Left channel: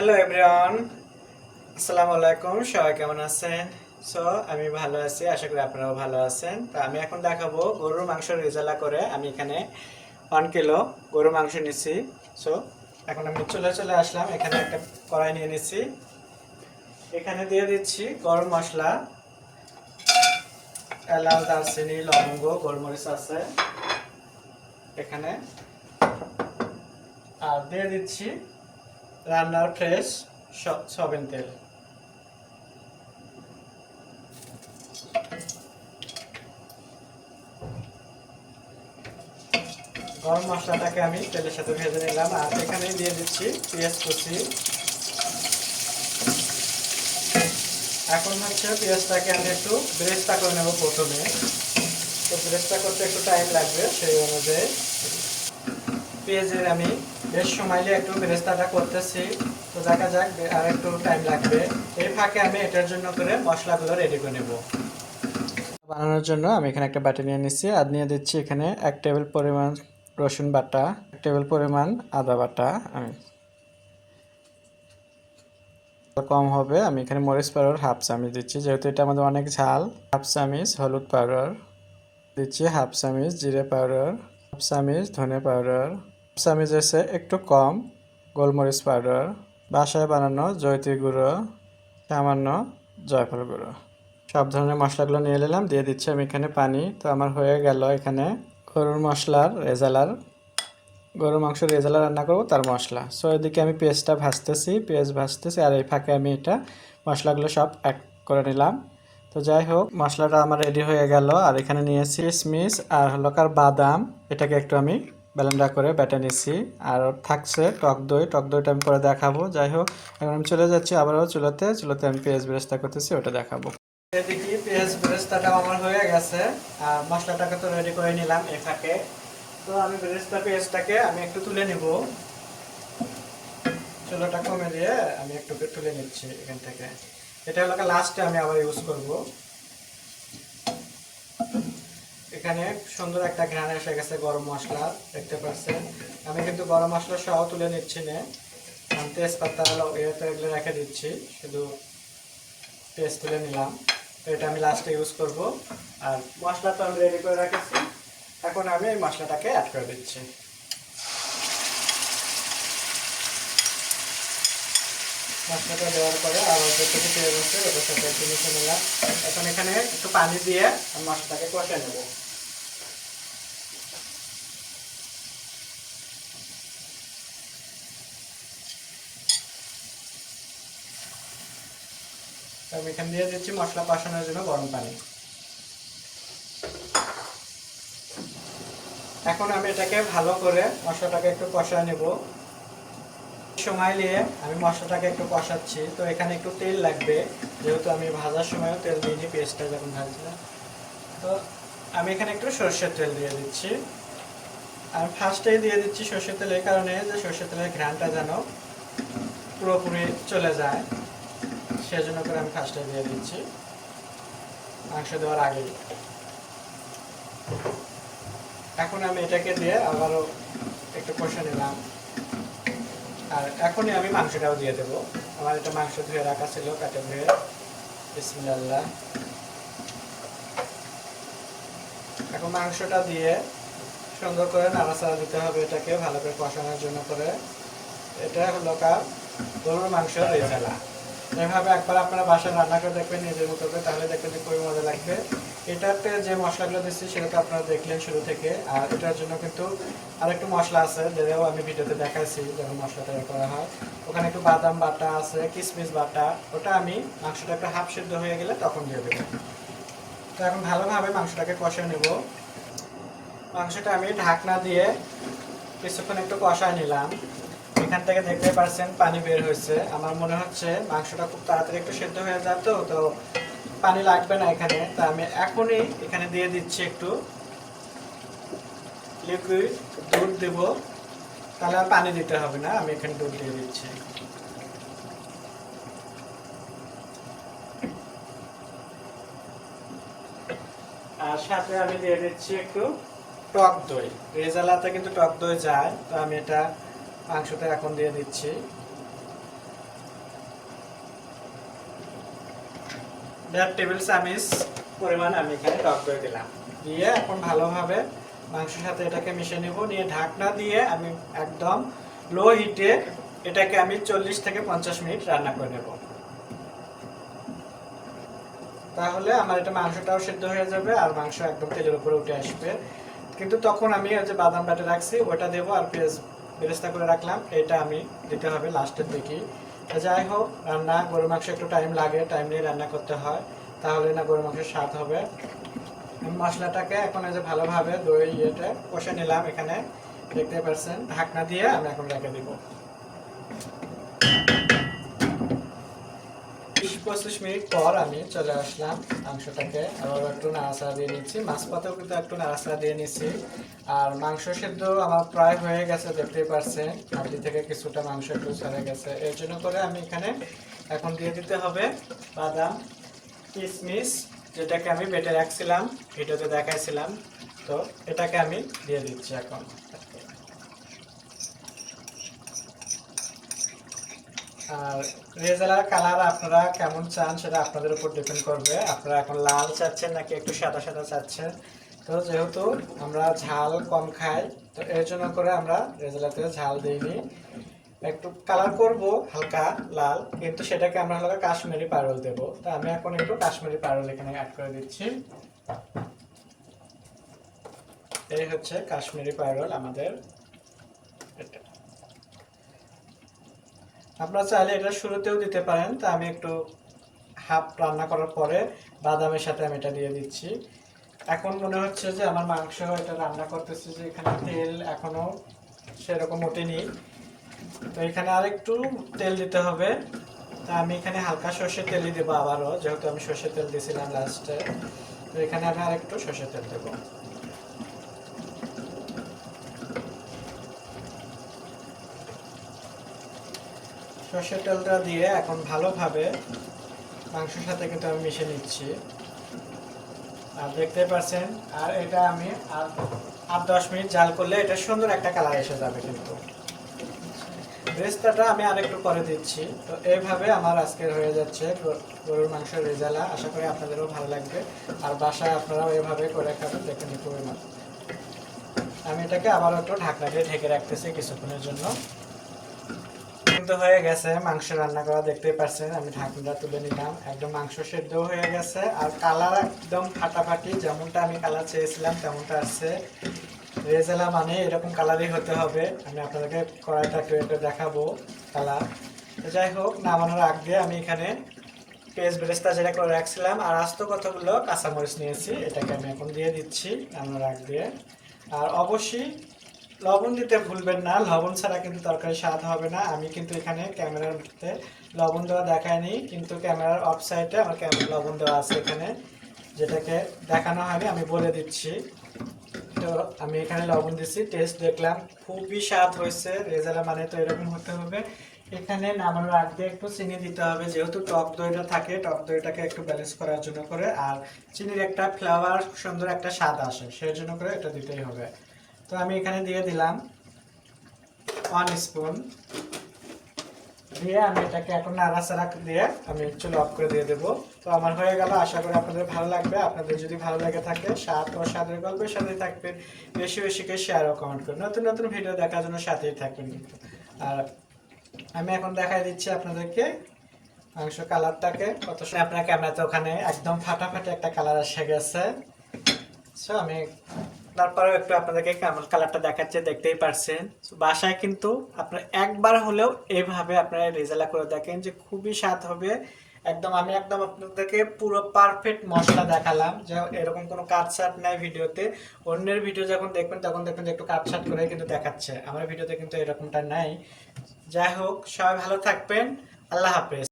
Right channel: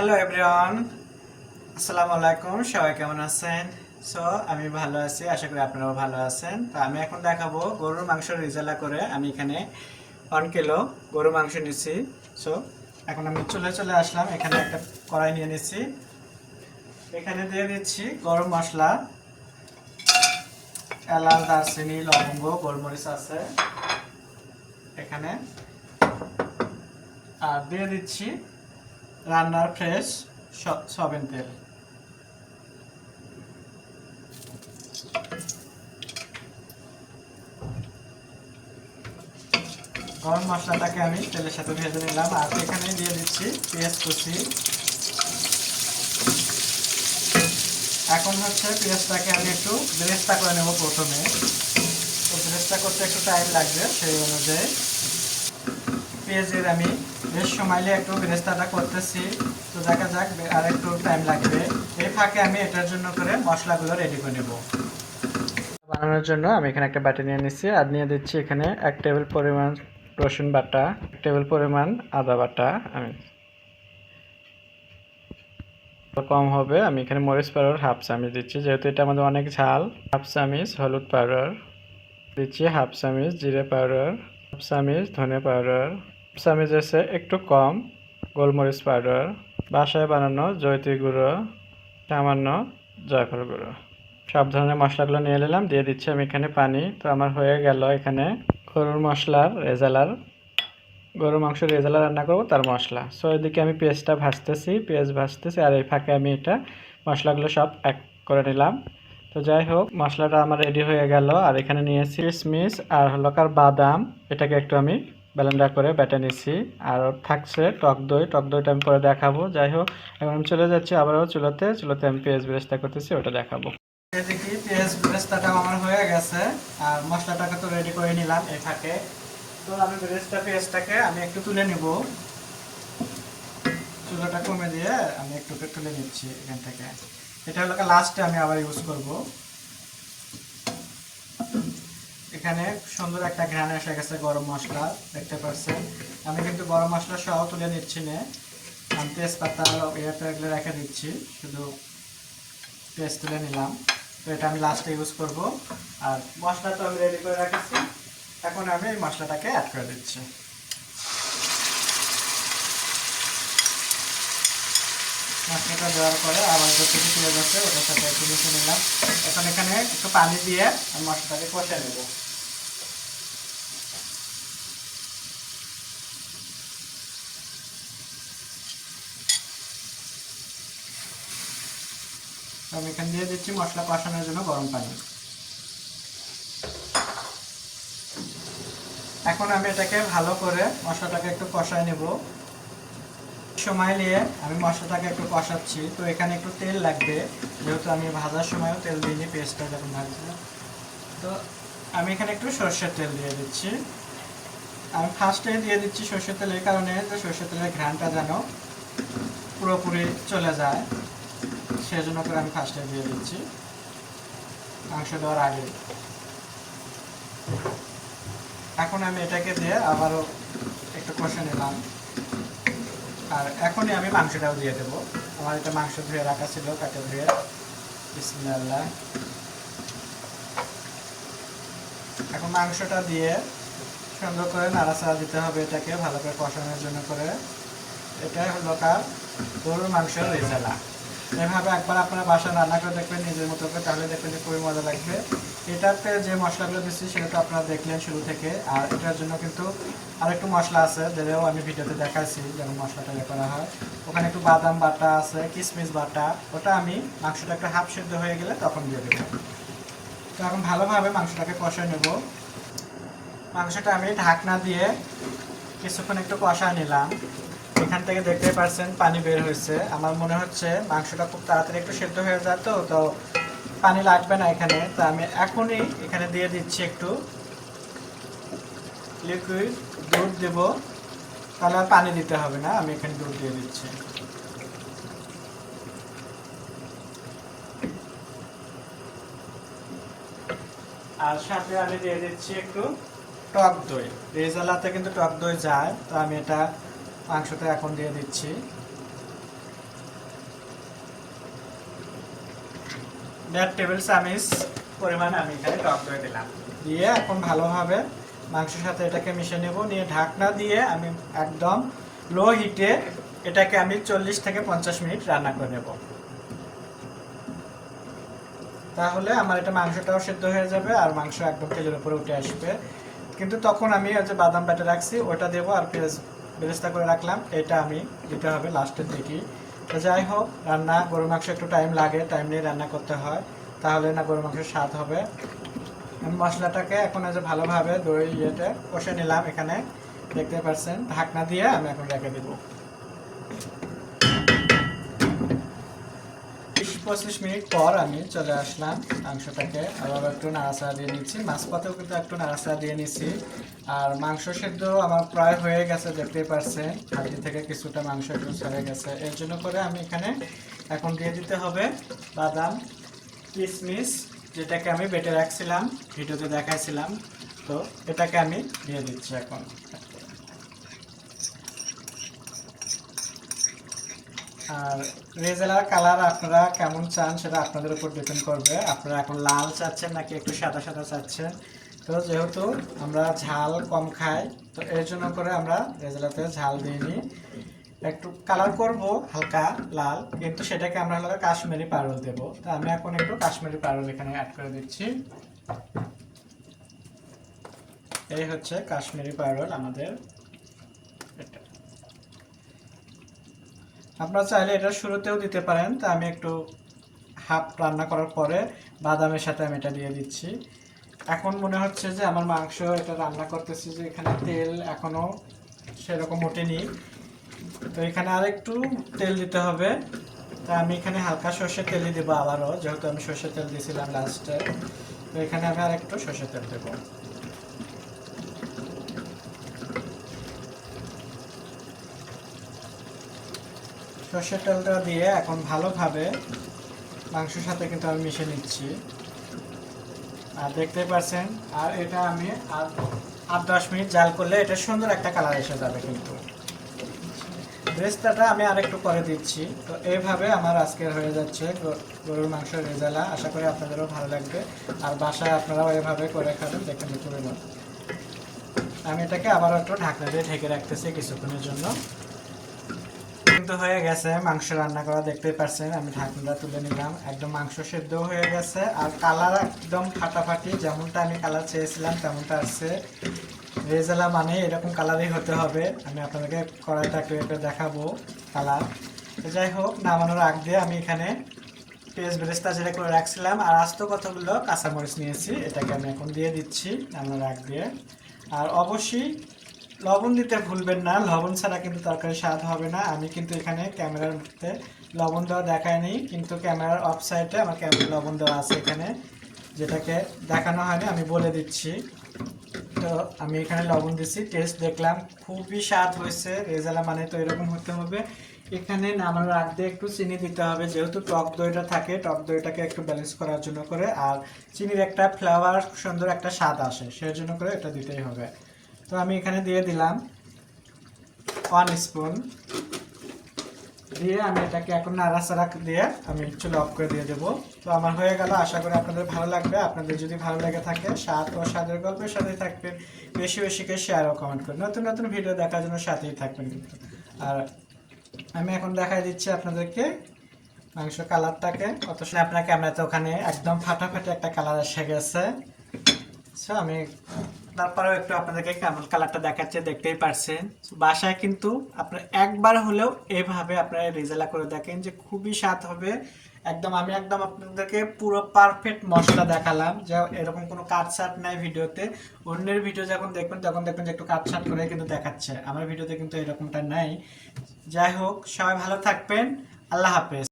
Hello everyone, আসসালামু আলাইকুম। সবাই কেমন আছেন? সো আমি ভালো আছি, আশা করি আপনারাও ভালো আছেন। তো আমি এখন দেখাবো গরুর মাংস রেজালা করে। আমি এখানে 1 কিলো গরুর মাংস নিচ্ছি। সো এখন আমি চলে আসলাম, এখানে একটা কড়াই নিয়ে নিচ্ছি। এখানে দিয়ে দিচ্ছি গরম মশলা, এলাচ, দারচিনি, লবঙ্গ, গোলমরিচ আছে এখানে। আর দিয়ে দিচ্ছি রান্নার ফ্রেশ সয়াবিন তেল। গরম মশলাটাকে আমি তেলের সাথে ভেজে নিলাম। আর এখানে দিয়ে দিচ্ছি পেঁয়াজ কুচি। এখন হচ্ছে পেঁয়াজটাকে আমি একটু বেরেস্তা করে নেব প্রথমে। তো বেরেস্তা করতে একটু টাইম লাগবে, সেই অনুযায়ী পেঁয়াজের আমি বেশ সময় নিয়ে একটু বেরেস্তাটা করতেছি। তো দেখা যাক, আর একটু টাইম লাগবে। এই ফাঁকে আমি এটার জন্য করে মশলাগুলো রেডি করে নেব। বানানোর জন্য আমি এখানে একটা বাটি নিয়ে নিচ্ছি, আর নিয়ে দিচ্ছি এখানে 1 টেবিল পরিমাণ রসুন বাটা, 1 টেবিল পরিমাণ আদা বাটা। আমি কম হবে, আমি এখানে মরিচ পাউডার হাফ চামচ দিচ্ছি, যেহেতু এটা আমাদের অনেক ঝাল। হাফ চামচ হলুদ পাউডার দিচ্ছি, হাফ চামচ জিরে পাউডার, হাফ চামচ ধনে পাউডার, হাফ চামচ আছে একটু কম গোলমরিচ পাউডার, বাসায় বানানো জয়িত্রী গুঁড়ো, সামান্য জয়ফল গুঁড়ো। সব ধরনের মশলাগুলো নিয়ে নিলাম, দিয়ে দিচ্ছি আমি এখানে পানি। তো আমার হয়ে গেল এখানে গরুর মশলার রেজালার, গরুর মাংস রেজালা রান্না করবো তার মশলা। সো এদিকে আমি পেঁয়াজ ভাজতেছি, আর এই ফাঁকে আমি এটা মশলাগুলো সব এক করে নিলাম। তো যাই হোক, মশলাটা আমার রেডি হয়ে গেল। আর এখানে নিয়েছি কিশমিশ আর হলকার বাদাম, এটাকে একটু আমি ব্লেন্ডার করে বেটে নিচ্ছি। আর থাকছে টক দইটা আমি পরে দেখাবো। যাই হোক, এখন আমি চলে যাচ্ছি আবারও চুলোতে আমি পেঁয়াজ বেরেস্তা করতেছি, ওটা দেখাবো। এদিকে পেঁয়াজ বেরেস্তাটা আমার হয়ে গেছে, আর মশলাটাকে তো রেডি করে নিলাম এই ফাঁকে। তো আমি পেঁয়াজটাকে আমি একটু তুলে নিব, চুলাটা কমে দিয়ে আমি একটু তুলে নিচ্ছি এখান থেকে। এটা হলো লাস্টে আমি আবার ইউজ করব। এখানে সুন্দর একটা ঘ্রাণ এসে গেছে গরম মশলা, দেখতে পাচ্ছেন। আমি কিন্তু গরম মশলা সহ তুলে নিচ্ছি না, আমি তেজপাতা এগুলো রেখে দিচ্ছি, শুধু পেস্ট তুলে নিলাম। তো এটা আমি লাস্টে ইউজ করব। আর মশলাটা আমি রেডি করে রাখছি, এখন আমি এই মশলাটাকে অ্যাড করে দিচ্ছি। মশলাটা দেওয়ার পরে আবার যেটুকু তেল আছে ওটার সাথে একটু মিশে নিলাম। এখন এখানে একটু পানি দিয়ে আমি মশলাটাকে কষে নেব। আমি এখানে দিয়ে দিচ্ছি মশলা কষানোর জন্য গরম পানি। এখন আমি এটাকে ভালো করে মশলাটাকে একটু কষায় নেব। সময় নিয়ে আমি মশলাটাকে একটু কষাচ্ছি। তো এখানে একটু তেল লাগবে, যেহেতু আমি ভাজার সময়ও তেল দিইনি, পেস্টটা যখন ভাজছি। তো আমি এখানে একটু সরষের তেল দিয়ে দিচ্ছি। আমি ফার্স্টেই দিয়ে দিচ্ছি সরষের তেল, এই কারণে যে সরষের তেলের ঘ্রাণটা যেন পুরোপুরি চলে যায়, সেজন্য করে আমি ফার্স্টে দিয়ে দিচ্ছি মাংস দেওয়ার আগে। এখন আমি এটাকে দিয়ে আবারও একটু কষে নিলাম। আর এখনই আমি মাংসটাও দিয়ে দেবো। আমার এটা মাংস ধুয়ে রাখা ছিল, কাটে ধুয়ে। বিসমিল্লাহ। এখন মাংসটা দিয়ে সুন্দর করে নাড়াচাড়া দিতে হবে, এটাকে ভালো করে কষানোর জন্য করে। এটা হলো গরুর মাংস রেজালা। এভাবে একবার আপনারা বাসায় রান্না করে দেখবেন নিজের মতো করে, তাহলে দেখবেন যে খুবই মজা লাগবে। এটাতে যে মশলাগুলো দিচ্ছি সেটা তো আপনারা দেখলেন শুরু থেকে। আর এটার জন্য কিন্তু আরেকটু মশলা আছে, যেটাও আমি ভিডিওতে দেখাইছি, যেমন মশলাটা করা হয়। ওখানে একটু বাদাম বাটা আছে, কিশমিশ বাটা, ওটা আমি মাংসটা একটা হাফ সিদ্ধ হয়ে গেলে তখন দিয়ে দেবো। তো এখন ভালোভাবে মাংসটাকে কষিয়ে নেব। মাংসটা আমি ঢাকনা দিয়ে কিছুক্ষণ একটু কষা নিলাম। এখান থেকে দেখতে পাচ্ছেন পানি বের হয়েছে। আমার মনে হচ্ছে মাংসটা খুব তাড়াতাড়ি একটু সেদ্ধ হয়ে যায়, তো পানি লাগবে না এখানে। তা আমি এখনই এখানে দিয়ে দিচ্ছি একটু লিকুইড দুধ দেব, তাহলে আর পানি দিতে হবে না। আমি এখানে দুধ দিয়ে দিচ্ছি। আর সাথে আমি দিয়ে দিচ্ছি একটু টক দই। রেজালাতে কিন্তু টক দই যায়, তো আমি এটা মাংসতে এখন দিয়ে দিচ্ছি। 1.5 টেবিল চামচ পরিমাণ আমি এখানে টক দই দিলাম, দিয়ে এখন ভালোভাবে মাংসের সাথে এটাকে মিশিয়ে নেব। নিয়ে ঢাকনা দিয়ে আমি একদম লো হিটে এটাকে আমি 40 থেকে 50 মিনিট রান্না করে নেব। তাহলে আমার এটা মাংসটাও সেদ্ধ হয়ে যাবে আর মাংস একদম তেলের উপরে উঠে আসবে। কিন্তু তখন আমি যে বাদাম বাটা রাখছি ওটা দেবো, আর পেঁয়াজ বেরেস্তা করে রাখলাম এটা আমি দিতে হবে লাস্টের দিকেই। তো যাই হোক, রান্না গরুর মাংস একটু টাইম লাগে, টাইম নিয়ে রান্না করতে হয়, তাহলে না গরুর মাংসের স্বাদ হবে। আমি মশলাটাকে এখন যে ভালোভাবে দই ইয়েতে কষে নিলাম, এখানে দেখতে পাচ্ছেন। ঢাকনা দিয়ে আমি এখন রেখে দিব। 20-25 মিনিট পর আমি চলে আসলাম, মাংসটাকে আবার একটু নাড়াচাড়া দিয়ে নিচ্ছি, মাছ পাতেও কিন্তু একটু নাড়াচাড়া দিয়ে নিচ্ছি। আর মাংস সেদ্ধ আমার প্রায় হয়ে গেছে, দেখতেই পাচ্ছেন হাঁড়ি থেকে কিছুটা মাংস একটু ছেড়ে গেছে। এর জন্য করে আমি এখানে এখন দিয়ে দিতে হবে বাদাম কিশমিশ, যেটাকে আমি বেটে রাখছিলাম, ভিডিওতে দেখাইছিলাম। তো এটাকে আমি দিয়ে দিচ্ছি এখন। আর রেজালার কালার আপনারা কেমন চান সেটা আপনাদের উপর ডিপেন্ড করবে। আপনারা এখন লাল চাচ্ছেন নাকি একটু সাদা সাদা চাচ্ছেন। তো যেহেতু আমরা ঝাল কম খাই, তো এর জন্য করে আমরা রেজালাতে ঝাল দিইনি, একটু কালার করব হালকা লাল, কিন্তু সেটাকে আমরা হলো কাশ্মীরি পারল দেবো। তো আমি এখন একটু কাশ্মীরি পারল এখানে অ্যাড করে দিচ্ছি। এই হচ্ছে কাশ্মীরি পারল আমাদের। এটা আপনারা চাইলে এটা শুরুতেও দিতে পারেন, তা আমি একটু হাফ রান্না করার পরে বাদামের সাথে আমি এটা দিয়ে দিচ্ছি। এখন মনে হচ্ছে যে আমার মাংস এটা রান্না করতেছি যে এখানে তেল এখনো সেরকম ওঠেনি, তো এখানে আর একটু তেল দিতে হবে। তা আমি এখানে হালকা সর্ষের তেলই দেবো আবারও, যেহেতু আমি সর্ষের তেল দিয়েছিলাম লাস্টে। তো এখানে আমি আর একটু সর্ষের তেল দেবো। সর্ষের তেলটা দিয়ে এখন ভালোভাবে মাংসের সাথে কিন্তু আমি মিশিয়ে নিচ্ছি। আর দেখতে পাচ্ছেন, আর এটা আমি আর 8-10 মিনিট জাল করলে এটা সুন্দর একটা কালার এসে যাবে। কিন্তু রেস্তাটা আমি আরেকটু পরে দিচ্ছি। তো এইভাবে আমার আজকের হয়ে যাচ্ছে গরুর মাংসের রেজালা। আশা করি আপনাদেরও ভালো লাগবে, আর বাসায় আপনারাও এভাবে করে খাবেন, দেখেন খুবই মজা। আমি এটাকে আবারও একটু ঢাকনা দিয়ে ঢেকে রাখতেছি কিছুক্ষণের জন্য। কিন্তু হয়ে গেছে মাংস রান্না করা, দেখতেই পাচ্ছেন। আমি ঢাকনাটা তুলে নিলাম, একদম মাংস সেদ্ধ হয়ে গেছে, আর কালার একদম ফাটাফাটি, যেমনটা আমি কালার চেয়েছিলাম তেমনটা আসছে। রেজালা মানে এরকম কালারই হতে হবে। আমি আপনাদেরকে কড়াইটা একটু দেখাবো কালার। যাই হোক, নামানোর আগ দিয়ে আমি এখানে পেঁয়াজ বেরেস্তা যেটা করে রাখছিলাম আর আস্ত কতগুলো কাঁচামরিচ নিয়েছি, এটাকে আমি এখন দিয়ে দিচ্ছি নামানোর আগ দিয়ে। আর অবশ্যই লবণ দিতে ভুলবেন না, লবণ ছাড়া কিন্তু তরকারি স্বাদ হবে না। আমি কিন্তু এখানে ক্যামেরার মধ্যে লবণ দেওয়া দেখাইনি, কিন্তু ক্যামেরার অফ সাইডে আমার লবণ দেওয়া আছে এখানে, যেটাকে দেখানো হয়নি, আমি বলে দিচ্ছি। তো আমি এখানে লবণ দিচ্ছি, টেস্ট দেখলাম, খুবই স্বাদ হয়েছে। রেজালা মানে তো এরকম হতে হবে। এখানে নামানোর আগ দিয়ে একটু চিনি দিতে হবে, যেহেতু টক দইটা থাকে, টক দইটাকে একটু ব্যালেন্স করার জন্য করে, আর চিনির একটা ফ্লেভার সুন্দর একটা স্বাদ আসে, সেই জন্য করে এটা দিতেই হবে। তো আমি এখানে দিয়ে দিলাম 1 স্পুন, দিয়ে আমি এটাকে এখন নাড়াচাড়া দিয়ে আমি চুলা অফ করে দিয়ে দেবো। তো আমার হয়ে গেল, আশা করি আপনাদের ভালো লাগবে। আপনাদের যদি ভালো লেগে থাকে, স্বাদ ও স্বাদের গল্পের সাথেই থাকবেন, বেশি বেশি করে শেয়ার ও কমেন্ট করুন, নতুন নতুন ভিডিও দেখার জন্য সাথেই থাকবেন কিন্তু। আর আমি এখন দেখাই দিচ্ছি আপনাদেরকে মাংস কালারটাকে, কত আপনার ক্যামেরাতে ওখানে একদম ফাটাফাটি একটা কালার এসে গেছে। সো আমি তারপরেও একটু আপনাদেরকে কেমন কালারটা দেখাচ্ছে, দেখতেই পারছেন। বাসায় কিন্তু আপনার একবার হলেও এইভাবে আপনারা রেজালা করে দেখেন, যে খুবই স্বাদ হবে একদম। আমি একদম আপনাদেরকে পুরো পারফেক্ট মশলা দেখালাম, যে এরকম কোনো কাটছাট নাই ভিডিওতে। অন্যের ভিডিও যখন দেখবেন তখন দেখবেন যে একটু কাটছাট করে কিন্তু দেখাচ্ছে, আমার ভিডিওতে কিন্তু এরকমটা নাই। যাই হোক, সবাই ভালো থাকবেন, আল্লাহ হাফেজ।